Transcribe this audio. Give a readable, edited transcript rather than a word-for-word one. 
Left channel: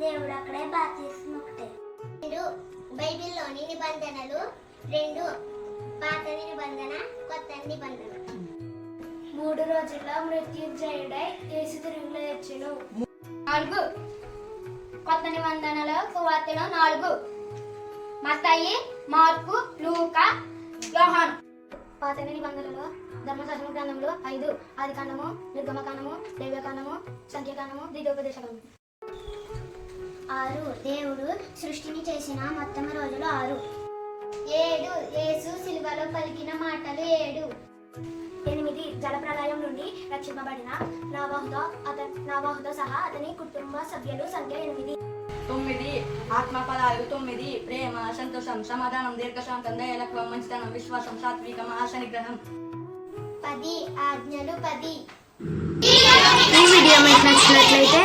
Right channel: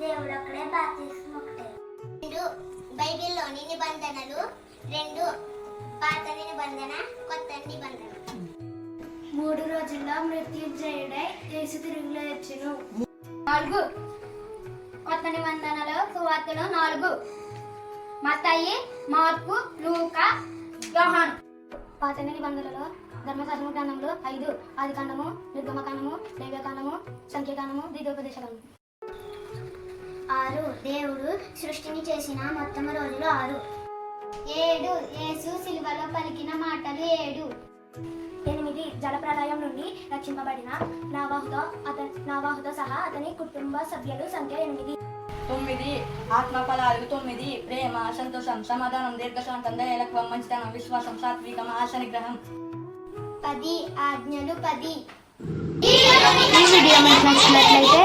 దేవుడు అక్కడే బాప్తిస్మం ఒకటే. 2 బైబిల్లోని నిబంధనలు, 2 పాత నిబంధన, కొత్త నిబంధన. 3 రోజుల్లో మృత్యుంజయుడై యేసు తిరిగి లేచెను. 4 కొత్త నిబంధనలో సువార్తలు 4 మత్తయి, మార్కు, లూకా, యోహాను. పాత నిబంధనలలో ధర్మశాస్త్ర గ్రంథములు 5 ఆదికాండము, నిర్గమకాండము, లేవ్యకాండము, సంఖ్యాకాండము, ద్వితీయోపదేశకాండము. 6 దేవుడు సృష్టిని చేసిన మొత్తం రోజులు 6. 7 యేసు సిలువలో పలికిన మాటలు 7. 8 జలప్రళయం నుండి రక్షింపబడిన నోవహుతో సహా అతని కుటుంబ సభ్యులు సంఖ్య 8. 9 ఆత్మఫలాలు 9 ప్రేమ, సంతోషం, సమాధానం, దీర్ఘశాంతం, దయలత్వం, మంచితనం, విశ్వాసం, సాత్వికం, ఆశ నిగ్రహం. 10 ఆజ్ఞలు 10. ఈ వీడియో మీకు నచ్చినట్లయితే